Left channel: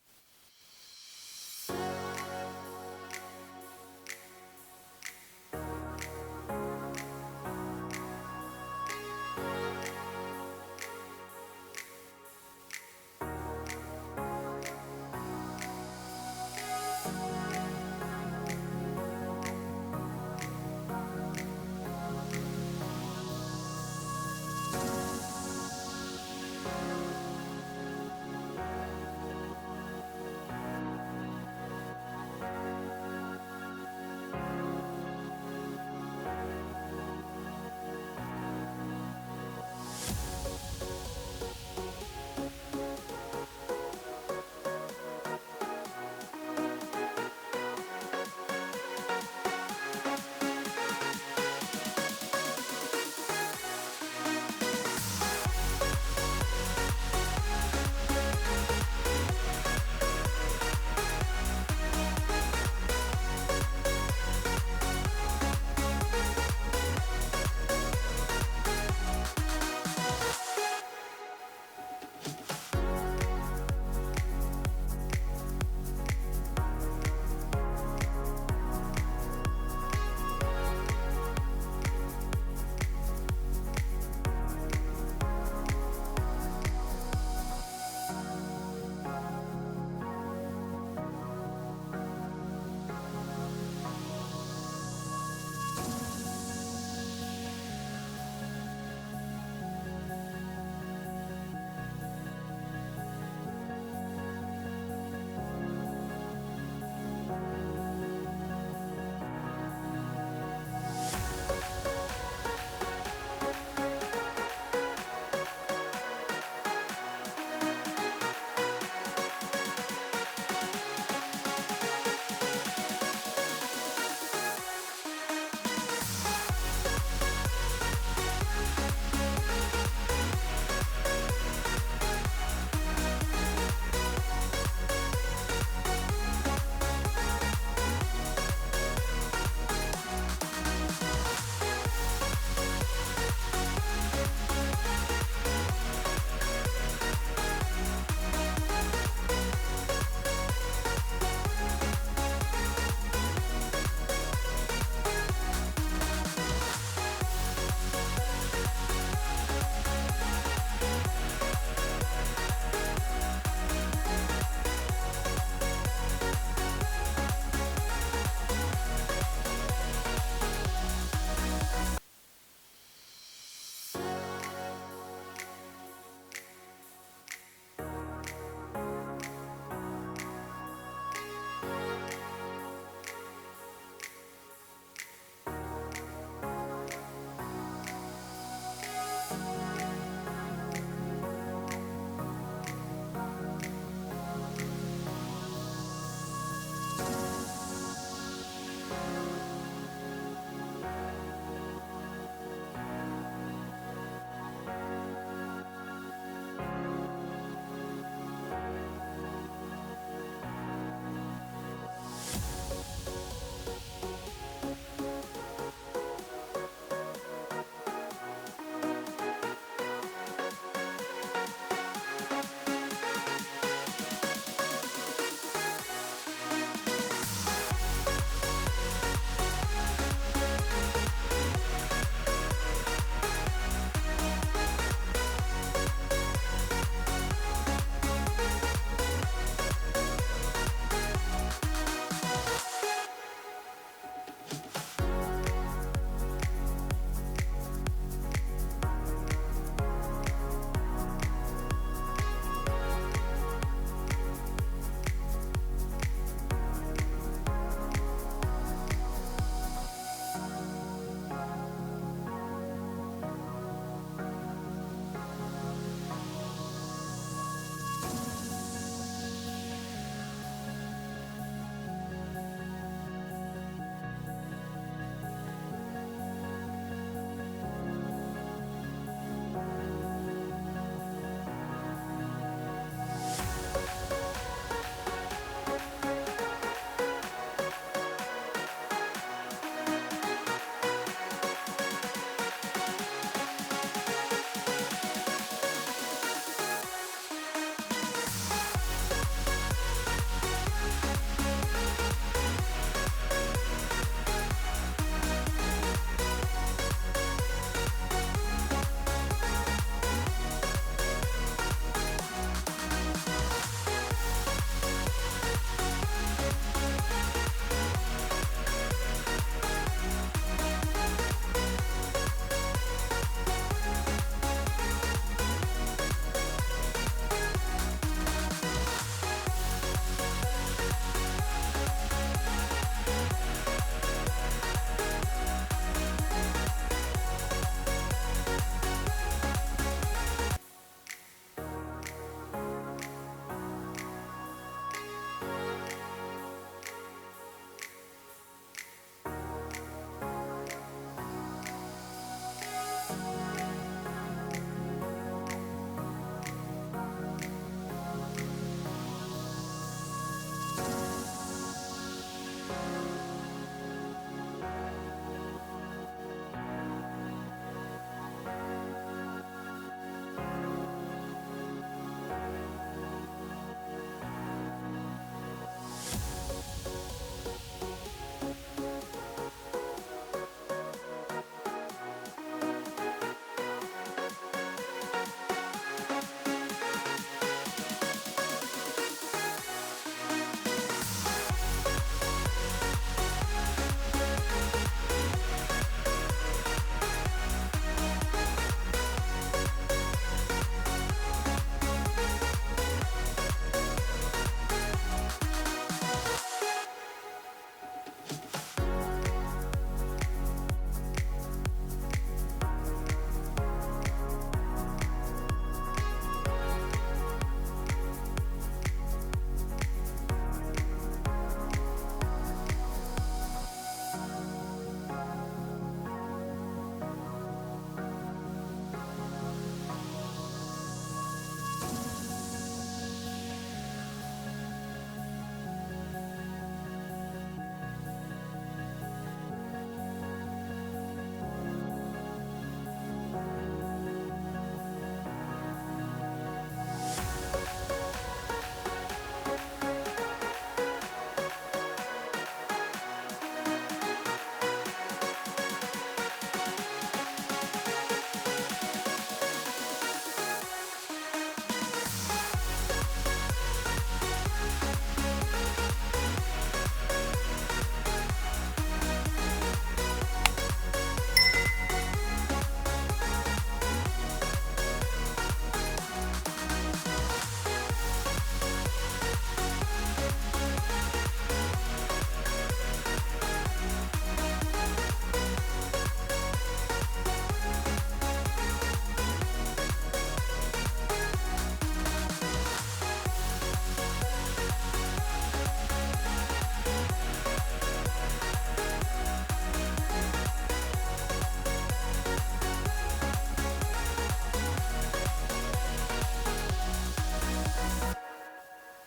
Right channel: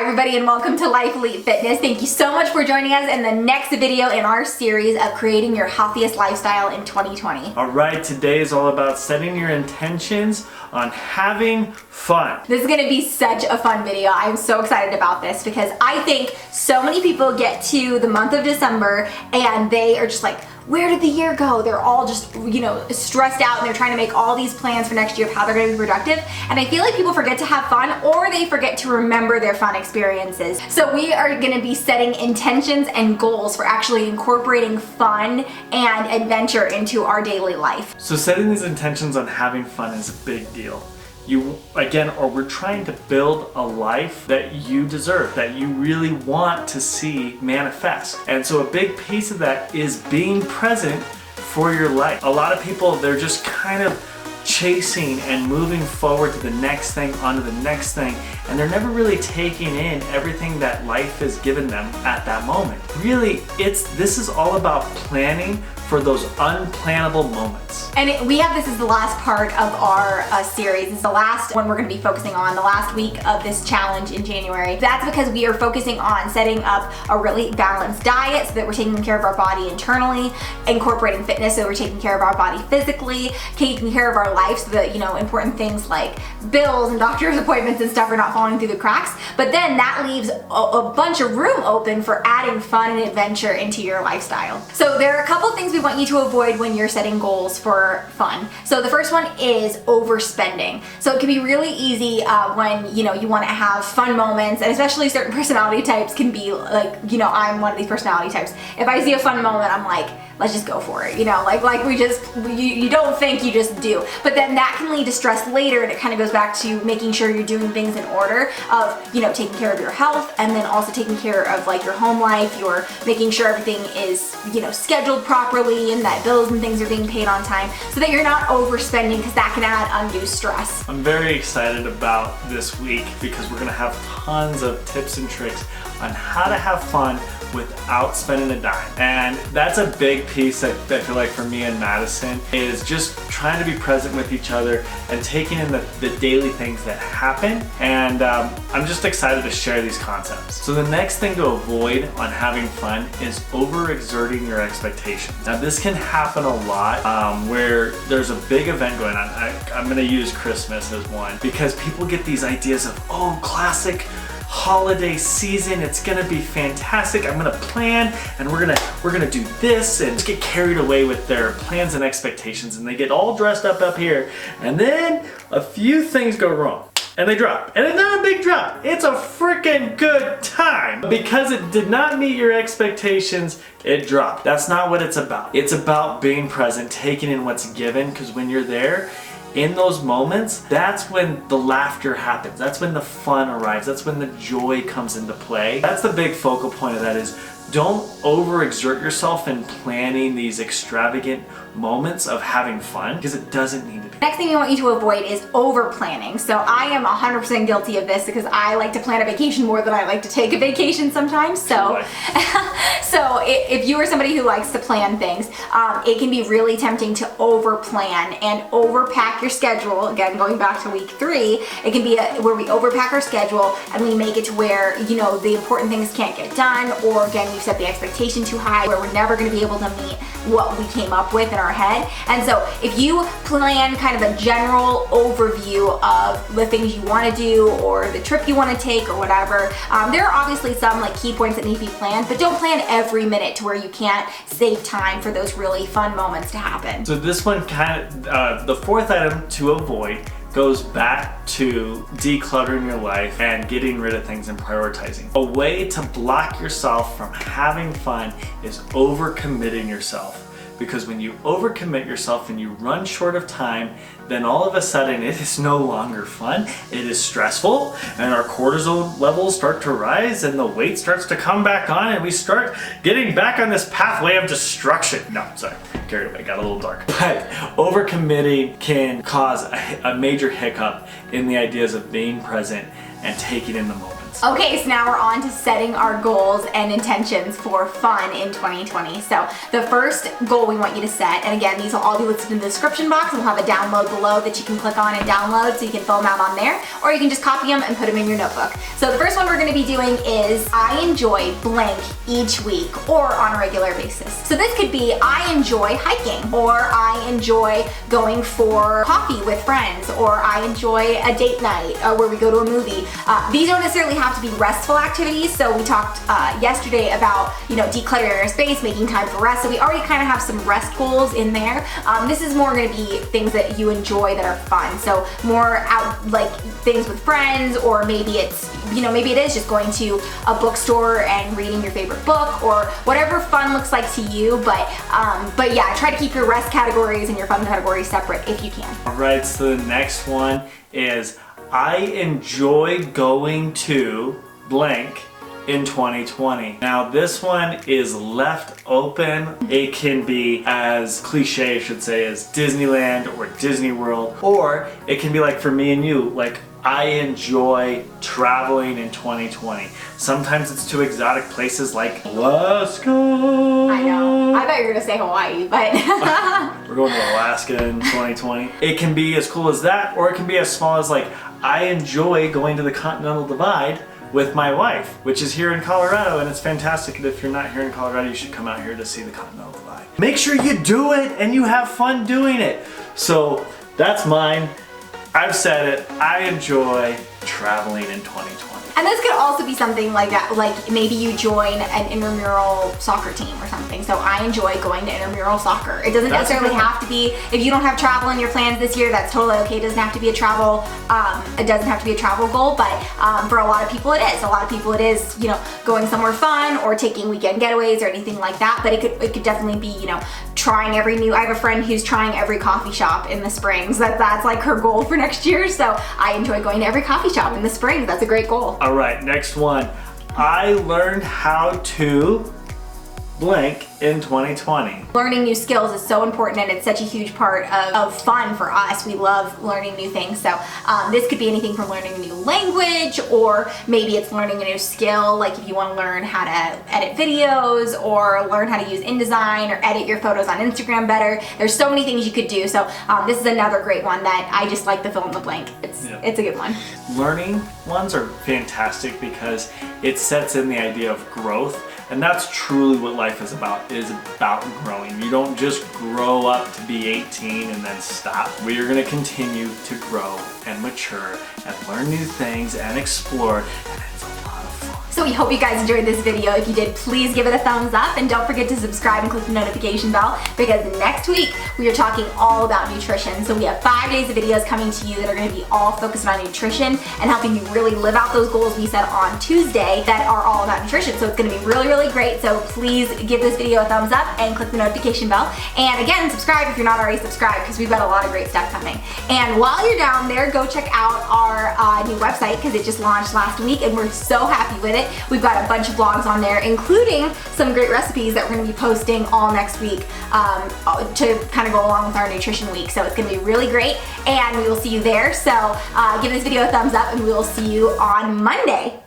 Hi everybody and welcome to Life Elite Fitness. Thank you so much for joining us in the next video in our series of creating your healthiest lifestyle in 2020. Alright, today is all about setting your intentions on having fun. This is going to be such a fun video. I'm so excited about this because I think so many people get to the month of December and they are just like, where did the year go? They're all just, stressed out and they're trying to make all these plans for next year of how they're going to be productive. And I feel like people forget to have fun or they forget to remember their fun experiences. So we are going to be setting intentions and goals for actually incorporating fun and adventure into our daily life. So setting these intentions on having fun is a big deal. We're trying to build a life that you deserve, that you really want to see manifest. And so a big piece of that is being present for your life. A lot of people, they're just kind of chasing and moving forward to the next thing, onto the next thing, and they're never really taking in everything that life has given them at that moment. Really, this is all about planning for those unplannable moments. And this is the last part of our series. It's the last one we're going to be focusing on, the last week of this challenge in January. That's because we are focusing on setting up a really balanced diet so that we're taking care of our body internally, incorporating fitness so we're taking care of our body physically, taking care of our life so that, important things like bills and doctor's appointments and stuff are not falling through the cracks. But then that leaves a bunch of room open for adding fun and adventure into your lifestyle. So there are a couple things we want you to avoid when you're setting goals for fun. So the first one is overspending. So it can be really easy when you want to have fun moments, and especially certain personality types can be like, I'm one of these personality types. If I see a fun moment, I'm like, let's just go for it. You don't think, you just do. But then that can lead to stress later, and it kind of goes back to making sure you're doing things in order of, taking care of your health, and then also taking care of like your home life. You're making sure everything is, scheduled properly and that bills and things are being paid on time so that you're not overspending, because that can add undue stress. I'm very excited about this week because we're gonna have tons of tips and tricks on how to have fun without spending a dime. And that's a big piece that I feel like for me and Madison is just trying to be present with each other and taking in the daily things that happen. And I'm just excited to share these concepts. So the next thing to avoid on having fun is overexerting your expectations. Now this can happen a lot where there's a big event going on. I'm gonna use Christmas as one because people get these ideas of, oh, classic holiday season, it's gonna be fantastic. I'm gonna plan and we're gonna do this, and just get carried away with their plans and expectations, and they get all dressed up here, and then a few things go wrong and they drop. And it's not a big drop, it's a freaking good time. Because it did not meet your expectations, it dropped. That's not what it's about. It's about being present, taking in what's given, because when you're there, in those moments, that's when the laughter happens. That's when the fun arrives. That's when the joy comes into play. That's the big focal point of that is don't overexert yourself in planning these extravagant moments of having fun, because it doesn't need to be. Next thing we want you to avoid is over planning. So I am 100% guilty of this because I like to plan a vacation more than I like to take a vacation sometimes. So, if you are somebody who likes to plan things, it can be really tempting to over plan and overpack your schedule. Again, going back to week 3, it can be where we overpack our schedule and we make it to where, the important things can't get done, or again, we've set the expectation too high where we're never going to be able to meet what we came up with in our head. And so if you plan kind of a general overview of the things you want to do or the trip you want to take or whatever, there are obviously some like key points that need to be planned, but don't plan every minute to where you can't save time for those really fun moments to happen. So this one the fourth item to avoid goes back to decluttering your life and getting rid of things and prioritizing. A way to block yourself from having fun is overcommitting yourself. Because when you overcommit yourself and you run short of time, then all of a sudden it is no longer fun, it is stressful, and our cortisol levels start to rise and the weight starts to come back on, and we start getting back on this pathway of destruction. No, sorry, carried away, got a little dark. But overcommitting can cause a major hiccup in the ideas of being present and taking in the moments. Okay, so now we're on to setting our goals and intentions for fun in 2020. So the first goal we want you to set, and again, these will all be listed in the description box. We'll have a download below that you can click on and download so you can fill them out on there, or you can just copy them and put them in your notebook. So the first one we're gonna be doing is I enjoy blank each week or on a regular basis. So this could be I enjoy hiking, or I enjoy going for coffee with friends, or I enjoy a date night where we go to a movie. These don't necessarily have to be restful activities. So we talked yesterday about, decluttering our space, making time for rest. So we already kind of have some rest goals in there. This is more going to be things that you enjoy that are fun. So more out, like things with friends, or maybe it's, maybe it is just going to a bookstore and reading your favorite book, or whatever fun looks like to you. But yeah, try to keep your rest categories and your fun categories separate if you can. All right, so the next one is I enjoy going to blank in 2020. Now this one is left open. It can be as cliche, I should say, as Disneyland or Disney World, or it can be like for me and you, like I enjoy traveling in 2020. Sometimes it's to exotic places like Alaska. I know. I thought you were gonna say Hawaii, but we're going to Alaska in 2020. It can be as cool as that, or it can be as small as like I enjoy going to the Continental Divide with my wife, which is here in Colorado, and it's fantastic. And if you're not here in Colorado, you should come out here to see the Continental Divide. Make sure you do it and you have fun doing it. So that's mine. I've said it. I enjoy traveling in 2020. And this could also be something like that, like maybe you join an intramural soccer team or something. So I enjoy going to intramural soccer. It doesn't necessarily have to be, if you don't have travel in your plans this year, that's totally okay. It doesn't have to be a travel, goal, but for a lot of people it is. A lot of people it is, going somewhere fun or taking weekend getaways or anything like that. But it could definitely be, trying every new, I have a friend who's trying every coffee shop in the Springs. That's like her goal for next year. So I enjoy going to every coffee shop in the Springs. That's a great goal. All right, next one. I learned how to blank in 2020. Learning new skills is so important, and it's such a huge part of fun for us. We love learning new things. So this could be anything from learning a new language, or maybe it's learning a new skill, like if you want to learn how to edit videos, or learn how to use InDesign, or edit your photos on Instagram better. There's so many things you could do. So this is another great one that I just like the fill in the blank. It's a good one. Learning ones are fantastic because it sets in the idea of growth. And that's truly what life is about growing. You don't just grow up to be 18 and then stop. We are gonna continue to grow and mature and learn new things and explore, and it's a lot of fun. So we hope you guys enjoyed this video. If you did, please give it a thumbs up, and don't forget to subscribe and click the notification bell, because next week we are talking all about nutrition. So we have 5 days of videos coming to you that are going to be all focused on nutrition and helping you really live out those goals we set on Tuesday that are all about nutrition. So it's going to be really, really great. So please give this video a thumbs up and click the notification bell. And again, subscribe if you're not already subscribed, because we've got a lot of great stuff coming. And while you're down there, go check out our new website, because it just launched last week and we're so happy with it. We've got a bunch of blogs on there, including some great recipes that we're going to be posting all next week to kind of go along with our nutrition week. So it's going to be really great, and we will see you there. So give this video a thumbs up, and we will see you on Monday.